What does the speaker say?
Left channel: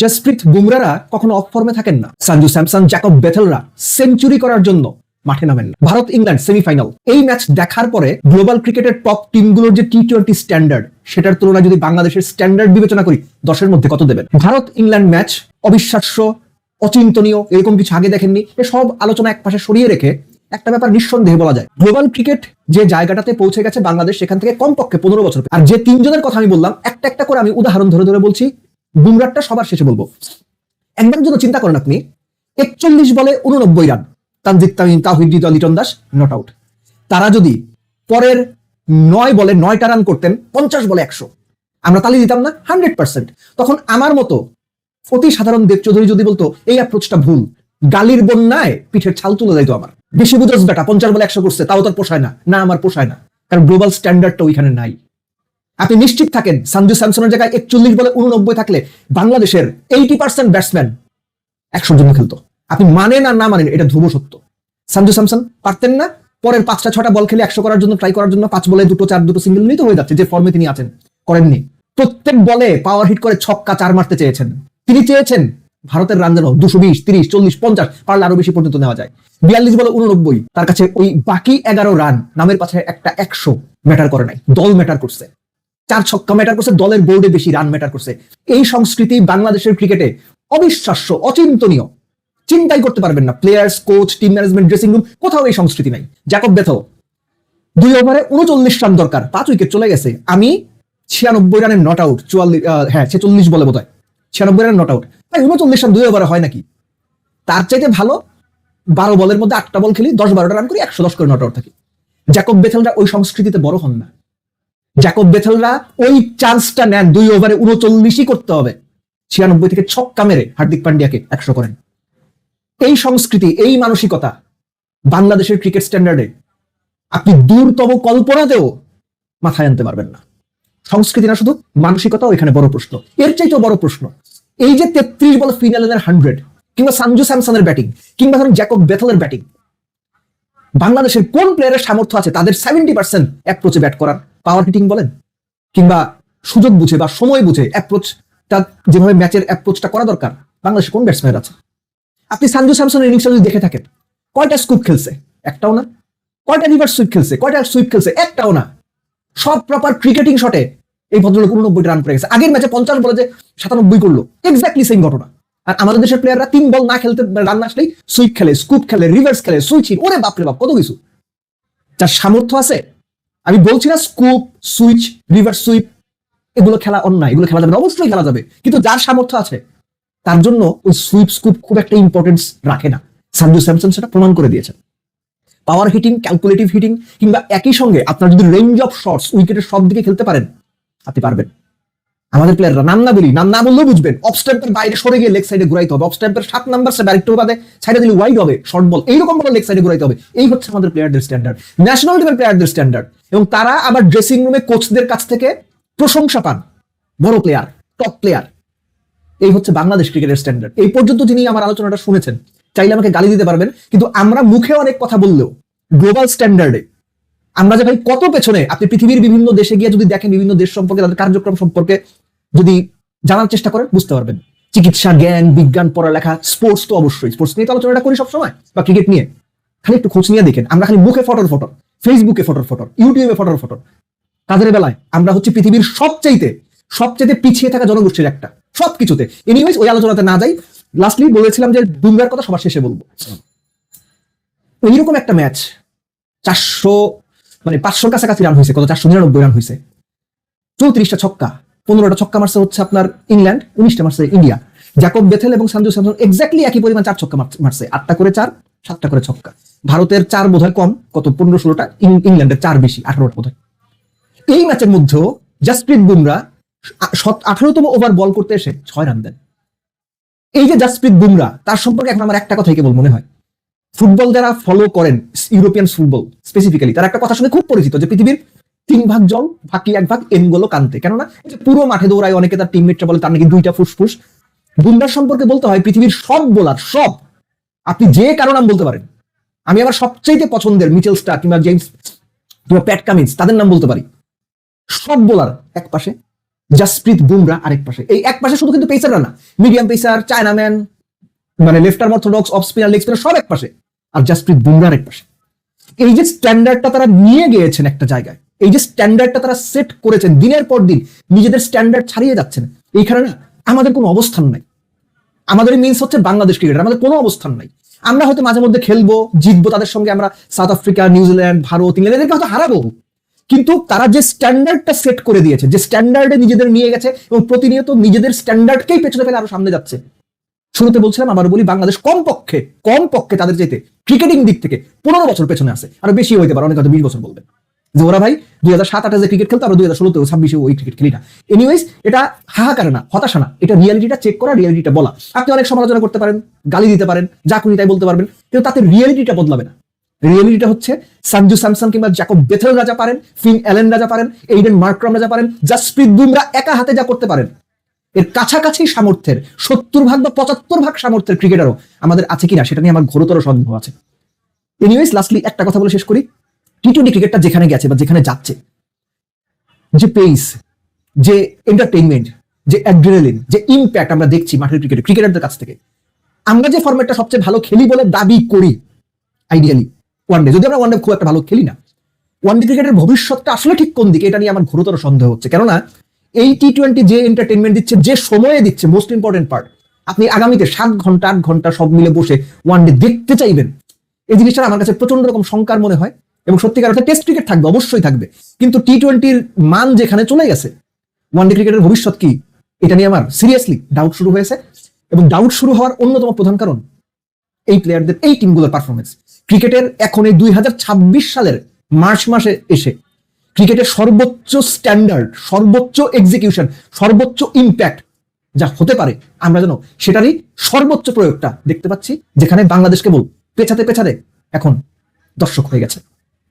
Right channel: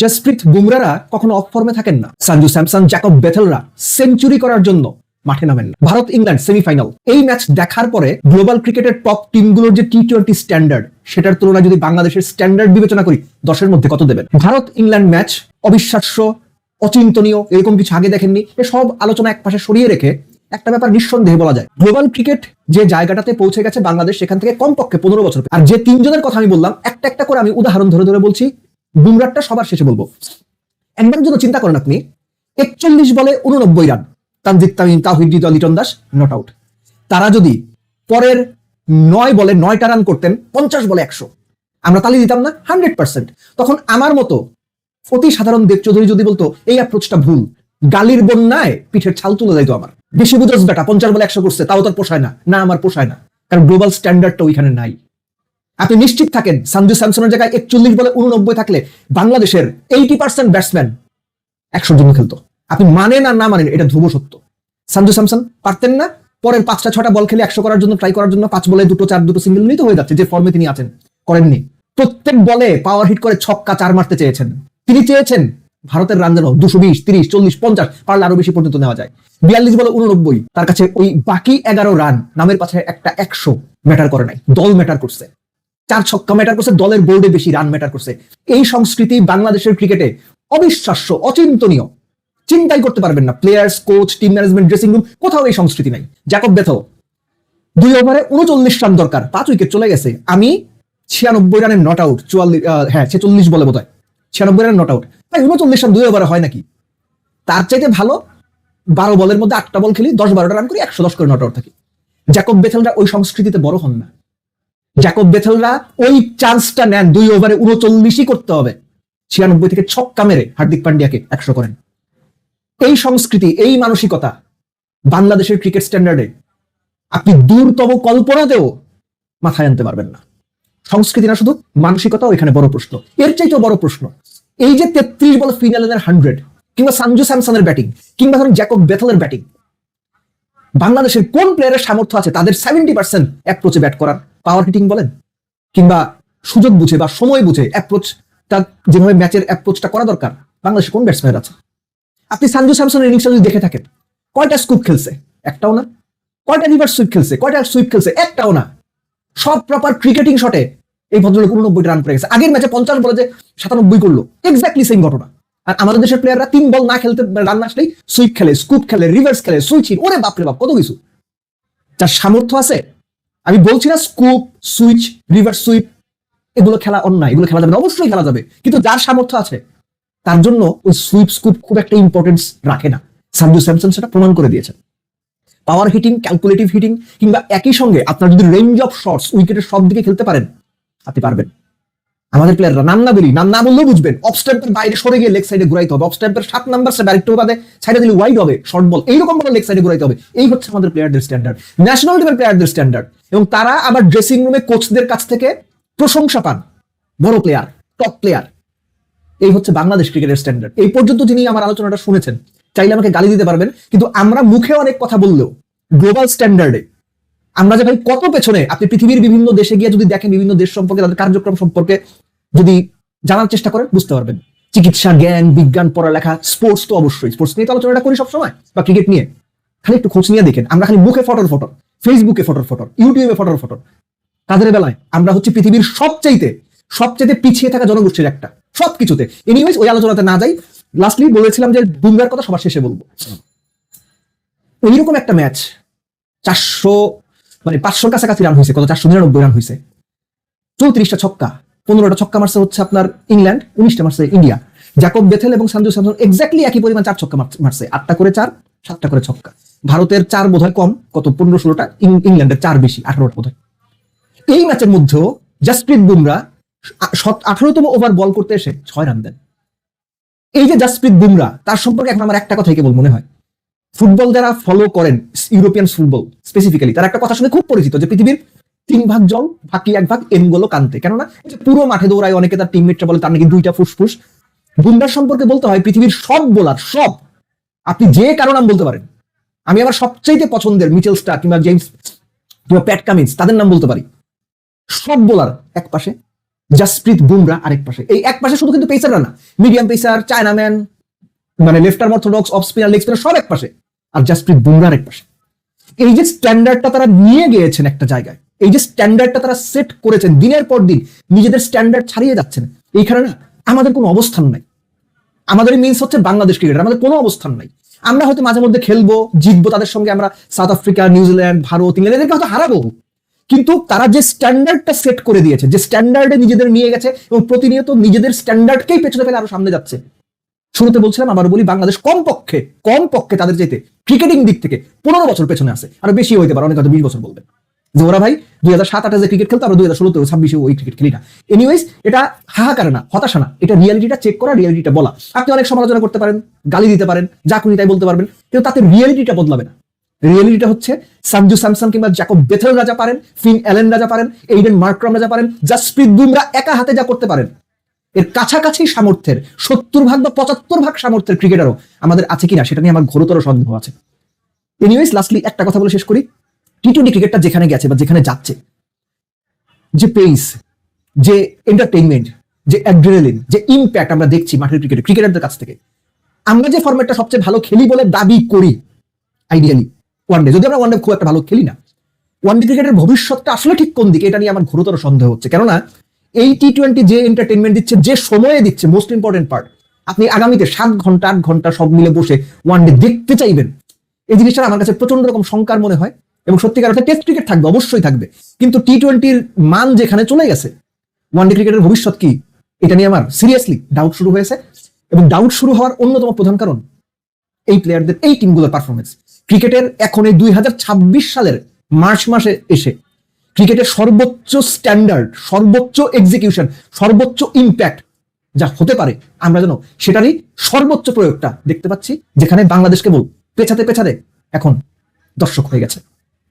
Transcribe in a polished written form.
জসপ্রীত বুমরারা কখনো অফ ফর্মে থাকেন না। সঞ্জু স্যামসন, জ্যাকব বেথেলরা সেঞ্চুরি করার জন্য মাঠে নামেন না। ভারত ইংল্যান্ড সেমিফাইনাল, এই ম্যাচ দেখার পরে গ্লোবাল ক্রিকেটের টপ টিমগুলোর যে টি-20 স্ট্যান্ডার্ড, সেটার তুলনায় যদি বাংলাদেশের স্ট্যান্ডার্ড বিবেচনা করি, 10-এর মধ্যে কত দেবেন? ভারত ইংল্যান্ড ম্যাচ অবিশ্বাস্য, অচিন্তনীয়, এরকম কিছু আগে দেখেননি। এসব আলোচনা এক পাশে সরিয়ে রেখে একটা ব্যাপার নিঃসন্দেহে বলা যায়, গ্লোবাল ক্রিকেট যে জায়গাটাতে পৌঁছে গেছে বাংলাদেশ সেখান থেকে কমপক্ষে 15 বছর। আর যে তিনজনের কথা আমি বললাম, একটা একটা করে আমি উদাহরণ ধরে ধরে বলছি। বুমরাটা সবার শেষে বলবো। একবারের জন্য চিন্তা করেন আপনি, 41 বলে 89 run, Tanzid Tamim, Towhid Hridoy, Liton Das not out. তারা যদি পরের 9 বলে 9টা রান করতেন, 50 বলে 100, আমরা তালি দিতাম না? 100%। তখন আমার মতো অতি সাধারণ দেব চৌধুরী যদি বলতো এই অ্যাপ্রোচটা ভুল, গালির বন্যায় পিঠের ছাল তুলে যাইতো আমার। বেশি বুঝোস বেটা, 50 বলে 100 করছে, তাও তার পোষায় না। না, আমার পোষায় না, কারণ গ্লোবাল স্ট্যান্ডার্ডটা ওইখানে নাই। আপনি নিশ্চিত থাকেন সঞ্জু স্যামসনের জায়গায় 41 বলে 89 থাকলে বাংলাদেশের 80% ব্যাটসম্যান 100 জন্য খেলতো। আপনি মানেন আর না মানেন, এটা ধ্রুব সত্য। সঞ্জু স্যামসন পারতেন না পরের 5টা-6টা বল খেলে 100 করার জন্য ট্রাই করার জন্য, 5 বলে 2-4 সিঙ্গেল নিতে হয়ে যাচ্ছে, যে ফর্মে তিনি আছেন। করেননি। প্রত্যেক বলে পাওয়ার হিট করে ছক্কা 4 মারতে চেয়েছেন। তিনি চেয়েছেন ভারতের রান যেন 220, 30, 40, 50, পারলে আরো বেশি পর্যন্ত নেওয়া যায়। 42 বলে 89, তার কাছে ওই বাকি 11 রান নামের পাশে একটা 100 ম্যাটার করে নাই, দল ম্যাটার করছে। 4 ছক্কা ম্যাটার করছে, দলের বোর্ডে বেশি রান ম্যাটার করছে। এই সংস্কৃতি বাংলাদেশের ক্রিকেটে অবিশ্বাস্য, অচিন্তনীয়। চিন্তাই করতে পারবেন না, players, coach, team management, dressing room, কোথাও এই সংস্কৃতি নাই। জ্যাকব বেথেল 2 ওভারে 39 রান দরকার, 5 উইকেট চলে গেছে। আমি 96 রানের নট আউট, 46 বলে বোধ হয় 96 রানের নট আউট। তাই 39 রান 2 ওভারে হয় নাকি? তার চাইতে ভালো 12 বলের মধ্যে 8টা বল খেলি, 10-12টা রান করি, 110 করে নট আউট থাকি। জ্যাকব বেথেলরা ওই সংস্কৃতিতে বড় হন না। জ্যাকব বেথেলরা ওই চান্সটা নেন, 2 ওভারে 39ই করতে হবে, 96 থেকে ছক্কা মেরে হার্দিক পান্ডিয়াকে 100 করেন। এই সংস্কৃতি, এই মানসিকতা বাংলাদেশের ক্রিকেট স্ট্যান্ডার্ডে আপনি দূরতম কল্পনাতেও মাথায় আনতে পারবেন না। সংস্কৃতিটা শুধু, মানসিকতা এখানে বড় প্রশ্ন। এর চাইতেও বড় প্রশ্ন এই যে 33 বলে ফিনালের 100, কিংবা সঞ্জু স্যামসনের ব্যাটিং, কিংবা ধরুন জ্যাকব বেথেলের ব্যাটিং, বাংলাদেশের কোন প্লেয়ারের সামর্থ্য আছে তাদের 70% অ্যাপ্রোচে ব্যাট করার? পাওয়ার হিটিং বলেন, কিংবা সুযোগ বুঝে বা সময় বুঝে অ্যাপ্রোচটা, যেভাবে ম্যাচের অ্যাপ্রোচটা করা দরকার, বাংলাদেশের কোন ব্যাটসম্যান আছে? আপনি সঞ্জু স্যামসনের ইনিংসটা যদি দেখে থাকেন, কয়টা স্কুপ খেলছে? একটাও না। কয়টা রিভার্স সুইপ খেলছে? কয়টা সুইপ খেলছে? একটাও না। সব প্রপার ক্রিকেটিং শটে এই ভদ্রলোক 89 রান করে গেছে। আগের ম্যাচে 50 বলে যে 97 করলো, এক্স্যাক্টলি সেম ঘটনা। আর আমাদের দেশের প্লেয়াররা 3 বল না খেলতে, রান না আসলেই সুইপ খেলে, স্কুপ খেলে, রিভার্স খেলে, সুইচ হিট, ওরে বাপরে বাপ, কত কিছু। যার সামর্থ্য আছে, আমি বলছি না স্কুপ, সুইচ, রিভার্স সুইপ এগুলো খেলা অন্যায়, এগুলো খেলা যাবে না, অবশ্যই খেলা যাবে, কিন্তু যার সামর্থ্য আছে তার জন্য ওই সুইপ স্কুপ খুব একটা ইম্পর্টেন্স রাখে না। সঞ্জু স্যামসন সেটা প্রমাণ করে দিয়েছেন। পাওয়ার হিটিং, ক্যালকুলেটিভ হিটিং, কিংবা একই সঙ্গে আপনার যদি রেঞ্জ অফ শটস, উইকেটের সব দিকে খেলতে পারেন, আপনি পারবেন। আমাদের প্লেয়াররা, নাম না বলি, নাম না বললেও বুঝবেন, অফ স্ট্যাম্পের বাইরে সরে গিয়ে লেগ সাইডে ঘুরাইতে হবে। অফ স্ট্যাম্পের 7 নাম্বার সে ডাইরেক্ট বাদে সাইডে দিলে ওয়াইড হবে, শর্ট বল, এইরকম ভাবে লেগ সাইডে ঘুরাইতে হবে। এই হচ্ছে আমাদের প্লেয়ারদের স্ট্যান্ডার্ড, ন্যাশনাল টিমের প্লেয়ারদের স্ট্যান্ডার্ড। এবং তারা আবার ড্রেসিং রুমে কোচদের কাছ থেকে প্রশংসা পান, বড় প্লেয়ার, টপ প্লেয়ার। এই হচ্ছে বাংলাদেশ ক্রিকেটের স্ট্যান্ডার্ড। এই পর্যন্ত যিনি আমার আলোচনাটা শুনেছেন, চাইলে আমাকে গালি দিতে পারবেন, কিন্তু আমরা মুখে অনেক কথা বললেও গ্লোবাল স্ট্যান্ডার্ডে আমরা যে ভাই কত পেছনে। আপনি পৃথিবীর বিভিন্ন দেশে গিয়ে যদি দেখেন, বিভিন্ন দেশ সম্পর্কে, তাদের কার্যক্রম সম্পর্কে যদি জানার চেষ্টা করেন, বুঝতে পারবেন। চিকিৎসা, জ্ঞান, বিজ্ঞান, পড়ালেখা, স্পোর্টস তো অবশ্যই, স্পোর্টস নিয়ে তো আলোচনাটা করি সবসময়, বা ক্রিকেট নিয়ে। খালি একটু খোঁজ নিয়ে দেখেন, আমরা খালি মুখে ফটোর ফটো, ফেসবুকে ফটোর ফটো, ইউটিউবে ফটোর ফটো, কাজের বেলায় আমরা হচ্ছে পৃথিবীর সবচেয়ে পিছিয়ে থাকা জনগোষ্ঠীর একটা, সবকিছুতে। এনিওয়েজ, ওই আলোচনাতে না যাই। লাস্টলি বলেছিলাম যে বুমরার কথা সবার শেষে বলবো। এইরকম একটা ম্যাচ 400 মানে 500 কাছাকাছি রান হয়েছে, কত 499 রান হয়েছে, 34টা ছক্কা, 15টা ছক্কা মারছে হচ্ছে আপনার ইংল্যান্ড, 19টা মারছে ইন্ডিয়া। জ্যাকব বেথেল এবং সঞ্জু স্যামসন এক্স্যাক্টলি একই পরিমাণ 4 ছক্কা মারছে, 8টা করে 4, 7টা করে ছক্কা। ভারতের 4 বোধহয় কম, কত 15-16টা, ইংল্যান্ডের 4 বেশি, 18টা বোধহয়। এই ম্যাচের মধ্যেও জসপ্রীত বুমরা 18তম ওভার বল করতে এসে 6 রান দেন। এই যে জসপ্রীত বুমরা, তার সম্পর্কে এখন আমার একটা কথাই কেবল মনে হয়, ফুটবল যারা ফলো করেন, ইউরোপিয়ান ফুটবল স্পেসিফিক্যালি, তার একটা কথা শুনে খুব পরিচিত, যে পৃথিবীর 3 ভাগ জল, বাকি 1 ভাগ এনগোলো কান্তে। কেননা পুরো মাঠে দৌড়ায়, অনেকে তার টিমমেটরা বলে তার নাকি 2টা ফুসফুস। বুমরার সম্পর্কে বলতে হয়, পৃথিবীর সব বোলার, সব, আপনি যে কারো নাম বলতে পারেন। আমি আমার সবচেয়ে পছন্দের মিচেল স্টার্ক কিংবা জেমস কিংবা প্যাট কামিন্স, তাদের নাম বলতে পারি। সব বোলার এক পাশে, জাসপ্রীত বুমরা আরেক পাশে, এই এক পাশে শুধু কিন্তু পেসার না, মিডিয়াম পেসার, চায়নাম্যান, মানে left arm orthodox, off spinner, leg spinner সব এক পাশে, আর জাসপ্রীত বুমরা আরেক পাশে। এই যে স্ট্যান্ডার্ডটা তারা নিয়ে গিয়েছেন একটা জায়গায়, এই যে স্ট্যান্ডার্ডটা তারা সেট করেছেন, দিনের পর দিন নিজেদের স্ট্যান্ডার্ড ছাড়িয়ে যাচ্ছেন, এইখানে না আমাদের কোনো অবস্থান নাই। আমাদের মিনস হচ্ছে বাংলাদেশ ক্রিকেটার, আমাদের কোনো অবস্থান নাই। আমরা হয়তো মাঝে মধ্যে খেলবো, জিতবো তাদের সঙ্গে, আমরা south Africa, New Zealand, Bharat, England এদেরকে হয়তো হারাবো, কিন্তু তারা যে স্ট্যান্ডার্ডটা সেট করে দিয়েছে, যে স্ট্যান্ডার্ডে নিজেদের নিয়ে গেছে এবং প্রতিনিয়ত নিজেদের স্ট্যান্ডার্ডকেই পেছনে ফেলে আরো সামনে যাচ্ছে। শুরুতে বলছিলাম, আবার বলি, বাংলাদেশ কমপক্ষে তাদের যেতে ক্রিকেটিং দিক থেকে 15 বছর পেছনে আছে, আরো বেশি হইতে পারে, অনেক হয়তো 20 বছর বলবে যে ওরা ভাই 2007-08 যে ক্রিকেট খেলতো, আমরা 2016-26 ওই ক্রিকেট খেলি না। এনিওয়েজ, এটা হাহাকার না, হতাশা না, এটা রিয়ালিটিটা চেক করা, রিয়ালিটিটা বলা। আপনি অনেক সমালোচনা করতে পারেন, গালি দিতে পারেন, যা খুনি তাই বলতে পারবেন, কিন্তু তাতে রিয়ালিটিটা বদলাবে না। রিয়ালিটিটা হচ্ছে সঞ্জু স্যামসন কিংবা জ্যাকব বেথেলরা যা পারেন, ফিন অ্যালেনরা যা পারেন, এইডেন মার্ক্রামরা যা পারেন, জাসপ্রীত বুমরা একা হাতে যা করতে পারেন, ওই কাছাকাছি সামর্থ্যের 70 ভাগ বা 75 ভাগ সামর্থ্যের ক্রিকেটারও আমাদের আছে কিনা, সেটা নিয়ে আমার ঘোরতর সন্দেহ আছে। এনিওয়েজ, লাস্টলি একটা কথা বলে শেষ করি। টি-20 ক্রিকেটটা যেখানে গেছে বা যেখানে যাচ্ছে, যে পেস, যে এন্টারটেইনমেন্ট, যে অ্যাড্রেনালিন, যে ইম্প্যাক্ট আমরা দেখছি মাঠের ক্রিকেটে ক্রিকেটারদের কাছ থেকে, আমরা যে ফরম্যাটটা সবচেয়ে ভালো খেলি বলে দাবি করি, আইডিয়ালি ওয়ানডে, যদি আমরা ওয়ানডে খুব একটা ভালো খেলি না, ওয়ানডে ক্রিকেটের ভবিষ্যৎটা আসলে ঠিক কোন দিকে, এটা নিয়ে আমার ঘোরতর সন্দেহ হচ্ছে। কেননা এই টি-20 যে এন্টারটেইনমেন্ট দিচ্ছে, যে সময়ে দিচ্ছে, মোস্ট ইম্পর্টেন্ট পার্ট, আপনি আগামীতে 7 ঘন্টা 8 ঘন্টা সব মিলে বসে ওয়ানডে দেখতে চাইবেন, এই জিনিসটা আমার কাছে প্রচন্ড রকম শঙ্কার মনে হয়। এবং সত্যিকার অর্থে টেস্ট ক্রিকেট থাকবে, অবশ্যই থাকবে, কিন্তু টি-20 মান যেখানে চলে গেছে, ওয়ানডে ক্রিকেটের ভবিষ্যৎ কি, এটা নিয়ে আমার সিরিয়াসলি ডাউট শুরু হয়েছে। এবং ডাউট শুরু হওয়ার অন্যতম প্রধান কারণ এই প্লেয়ারদের, এই টিমগুলোর পারফরমেন্স। ক্রিকেটের এখন এই 2026 সালের মার্চ মাসে এসে ক্রিকেটের সর্বোচ্চ স্ট্যান্ডার্ড, সর্বোচ্চ এক্সিকিউশন, সর্বোচ্চ ইম্প্যাক্ট যা হতে পারে, আমরা যেন সেটারই সর্বোচ্চ প্রয়োগটা দেখতে পাচ্ছি, যেখানে বাংলাদেশ কেবল পেছাতে পেছাতে এখন দর্শক হয়ে গেছে।